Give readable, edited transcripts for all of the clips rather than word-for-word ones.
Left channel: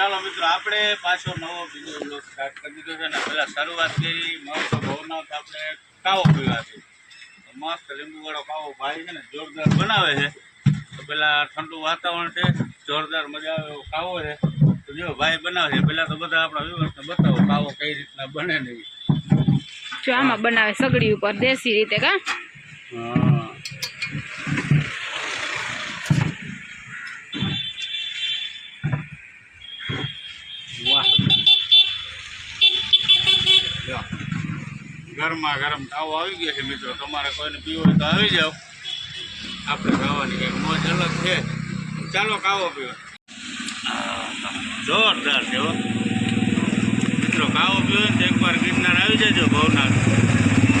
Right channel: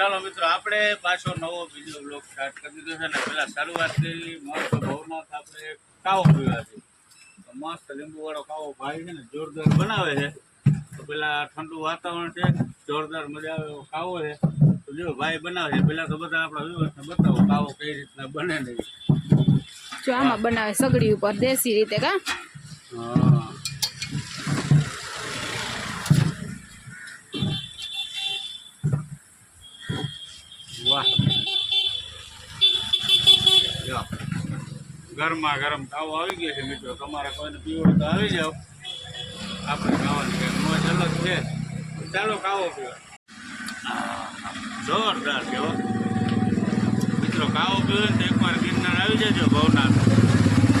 ચાલો મિત્રો આપણે પાછો નવો બીજો બ્લોગ સ્ટાર્ટ કરી દીધો છે ને પેલા શરૂઆત કરી મસ્ત ભવનાથ આપણે કાવો પીવાથી તો મસ્ત લીંબુવાળો કાવો ભાઈ છે ને જોરદાર બનાવે છે તો પેલા ઠંડુ વાતાવરણ છે જોરદાર મજા આવે એવો કાવો છે તો જો ભાઈ બનાવે છે પેલા તો બધા આપણા વ્યવસ્થા બતાવો કાવો કઈ રીતના બને નહીં જો આમાં બનાવે સગડી ઉપર દેશી રીતે કા વાહ ગરમા ગરમ કાવો આવી ગયો છે મિત્રો તમારે કોઈને પીવો હોય તો આવી જાઓ આપણે ખાવાની કંઈક મોજ અલગ છે ચાલો કાવો પીવા જોરદાર છે હો મિત્રો કાવો પીવો ને તો એકવાર ગિરનાર આવી જજો ભવનાથ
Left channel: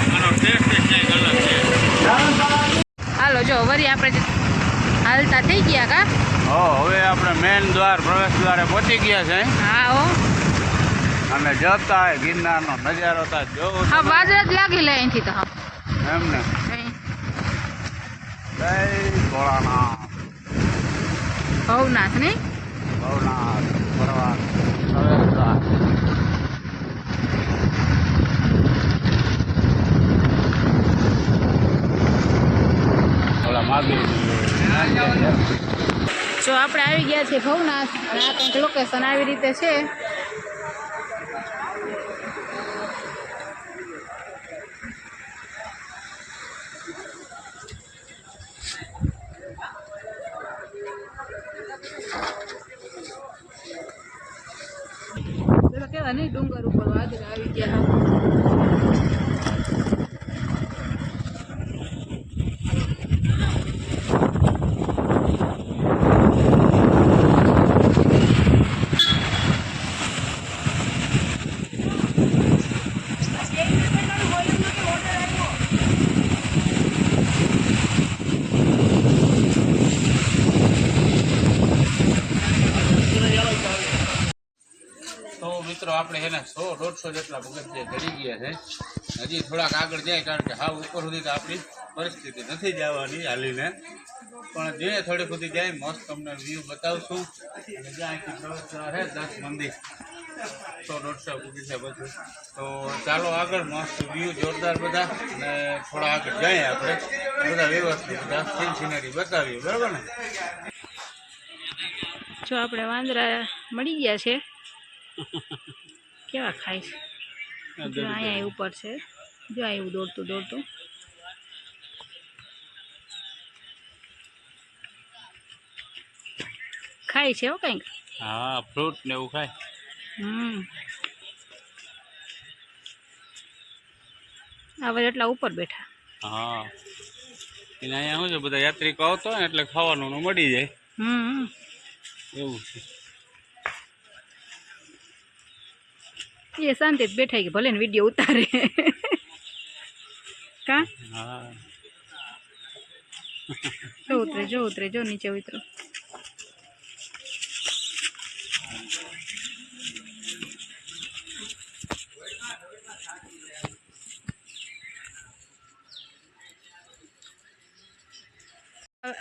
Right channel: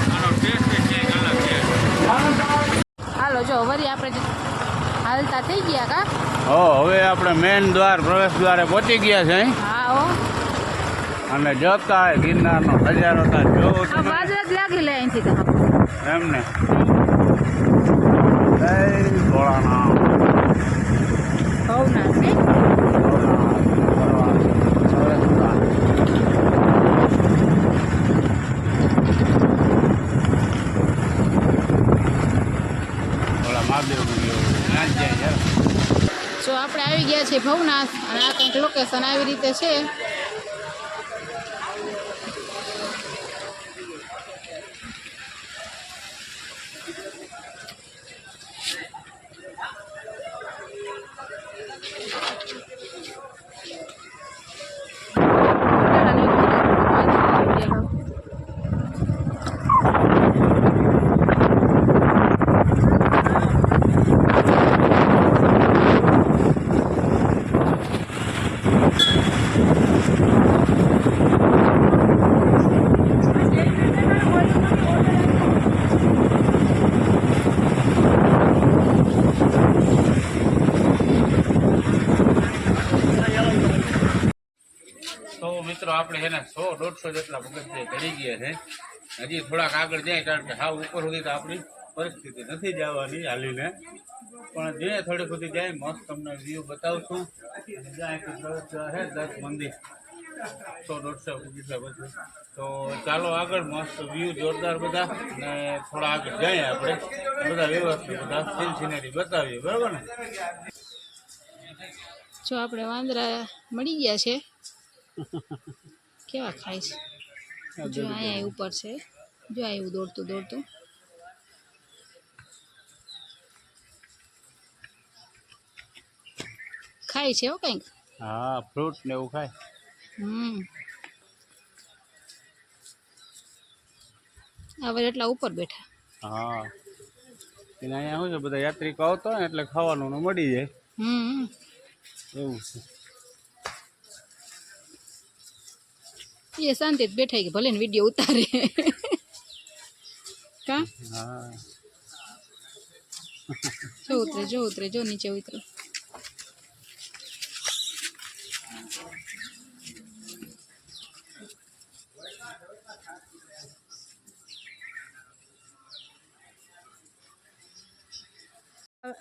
આનો ટેસ્ટ જ કંઈક અલગ છે હાલો જો વરી આપણે હાલતા થઈ ગયા કા હવે આપણે મેન દ્વાર પ્રવેશ દ્વારે પહોંચી ગયા છે હા હો અને જતા ગિરનારનો નજારો તા જોવો હા વાજરા જ લાગી લે અહીંથી તો એમ ને જય ભોળાનાથ ભવનાથ ને ભવનાથ ફરવા પ્રવેશ દ્વાર ઓલા માગી જો આપણે આવી ગયા છીએ ભવનાથ અને આ કંઈક લોકેશન આવી રીતે છે તો મિત્રો આપણે એના 100-150 જેટલા પગથિયા ચડી ગયા છે હજી થોડાક આગળ જાય કારણ કે હાવ ઉપર સુધી તો આપણી પરિસ્થિતિ નથી જવાની હાલીને પણ જે થોડી સુધી જાય મસ્ત તમને વ્યૂ બતાવશું અને જ્યાં અહીંથી પ્રવેશ દ્વાર છે 10 મંદિર 100-150 પગથિયા પછી તો ચાલો આગળ મસ્ત વ્યૂ જોરદાર બધા અને થોડા આગળ જાય આપણે બધા વ્યવસ્થિત બધા સીન સિનરી બતાવીએ બરાબર ને જો આપણે વાંદરા મળી ગયા છે કેવા ખાય છે જો અહીંયા ઉપર છે જો આવ્યું દોડતું દોડતું ખાય છે હો કંઈક હા ફ્રૂટ ને એવું ખાય હવે એટલા ઉપર બેઠા હા એટલે અહીંયા શું છે બધા યાત્રિકો આવતો હોય એટલે ખાવાનું મળી જાય એવું છે એ શાંતિ બેઠા કે ભલે ને વિડીયો ઉતારે કા હા જો ઉતરે જો નીચે ઉતરો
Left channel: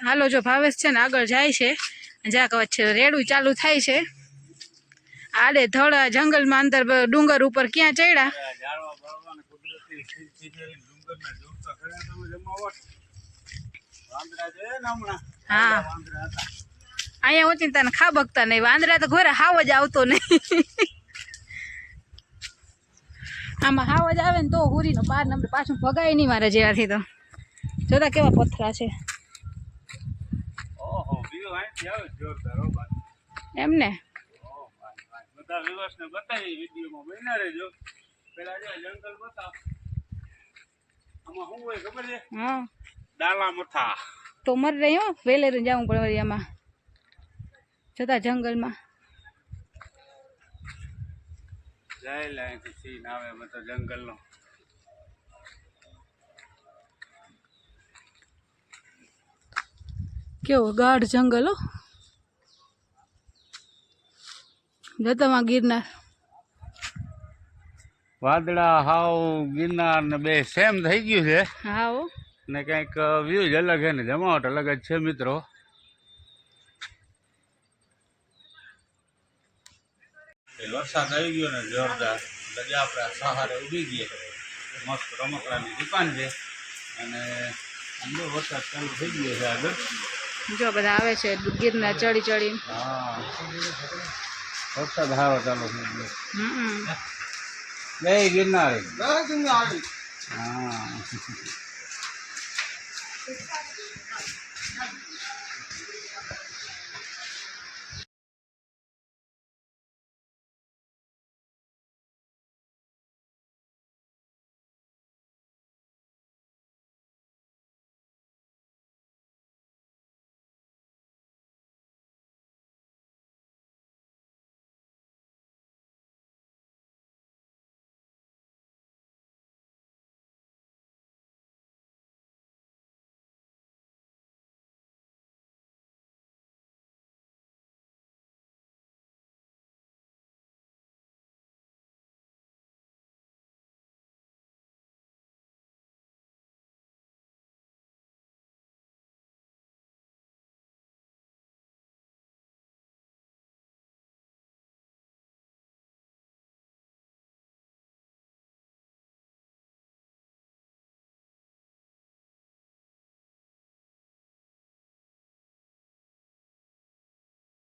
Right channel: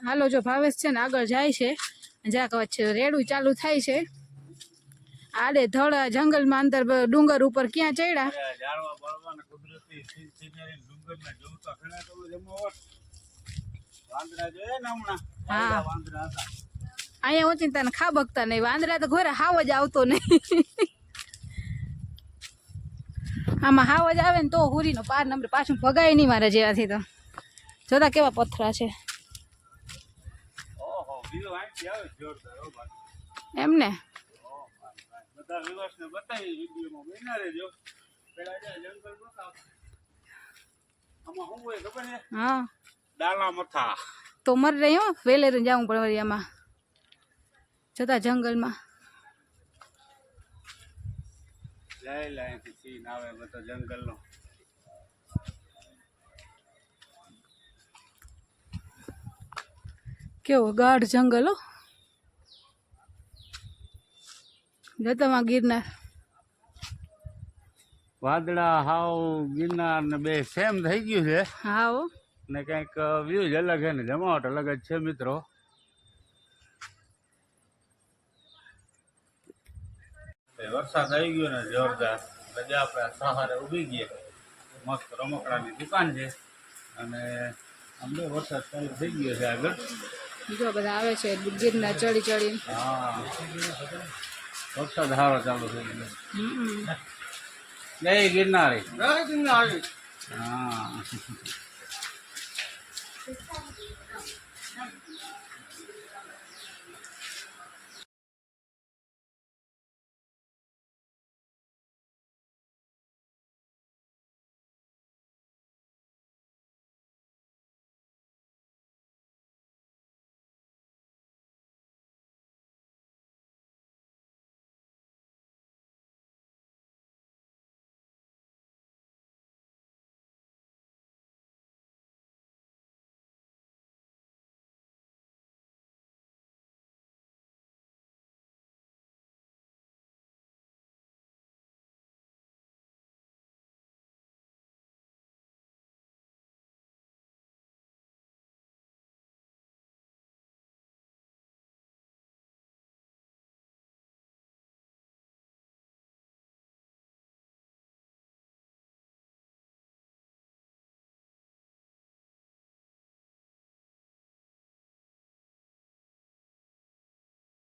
હાલો જો ભાવેશ છે ને આગળ જાય છે જ્યાં કવચ છે રેડું ચાલુ થાય છે આડે ધડા જંગલમાં અંદર ડુંગર ઉપર ક્યાં ચડ્યા હા અહીંયા ઓછી તને ખાબકતા નહીં વાંદરા તો ઘરે હાવ જ આવતો નહીં આમાં હાવ જ આવે ને તો હુરીનો પાર નંબર પાછું ભગાય નહીં મારા જેવાથી તો જોતા કેવા પથરા છે એમ ને બધા વિવાસને બતાવી વિડીયોમાં બન્યા રહેજો પેલા જો જંગલ બતાવ આમાં શું હોય ખબર છે હા ડાલા મથા તો મર રહી હો વેલેરું જાવું પડે વળી આમાં જતા જંગલમાં જાય લાઈનથી સીન આવે બધો જંગલનો કેવો ગાઢ જંગલ હો જતામાં ગિરનાર વાદળા હાવ ગિરનાર ને બે સેમ થઈ ગયું છે હા હો ને કંઈક વ્યૂ જ અલગ છે ને જમાવટ અલગ જ છે મિત્રો વરસાદ આવી ગયો ને જોરદાર એટલે આપણે આ સહારે ઊભી ગયા મસ્ત રમકડાની દુકાન છે અને અંદર વરસાદ ચાલુ થઈ ગયો છે આગળ જો બધા આવે છે ગીરના ચડી ચડી. હા વરસાદ સારો ચાલુ થઈ ગયો જય ગિરનારી હા